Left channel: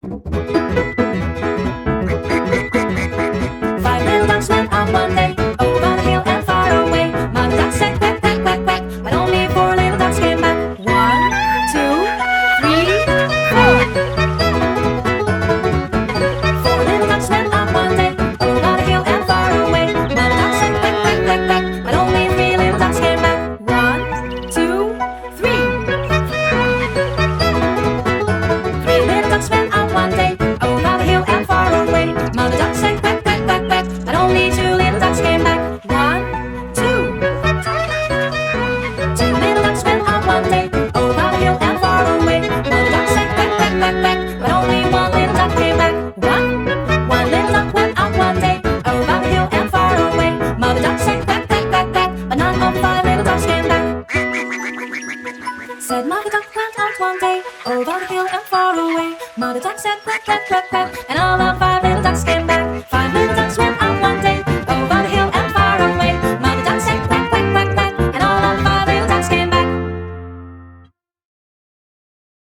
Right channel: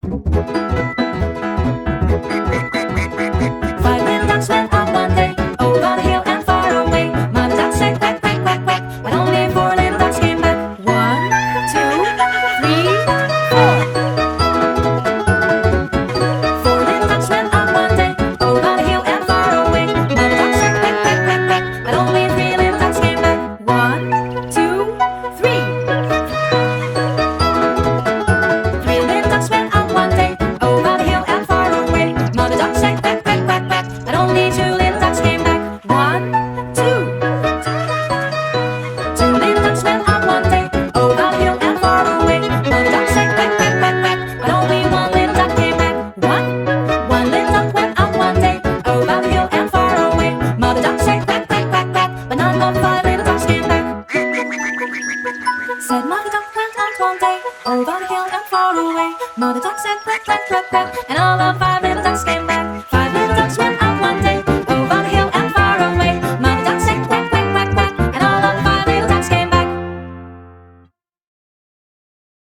Five little ducks went on one day, over the hill and far away. Mother duck said quack, quack, quack, quack, but only four little ducks came back. One, two, three, four. Four little ducks went on one day, over the hill and far away. Mother duck said quack, quack, quack, quack, but only three little ducks came back. One, two, three. Three little ducks went on one day, over the hill and far away. Mother duck said quack, quack, quack, quack, but only two little ducks came back. One, two. Two little ducks went on one day, over the hill and far away. Mother duck said quack, quack, quack, quack, but only one little duck came back. One little duck went on one day, over the hill and far away. Mother duck said quack, quack, quack, quack, but none of the five little ducks came back. Said Mother duck went out one day, over the hill and far away. Mother duck said quack, quack, quack, quack, and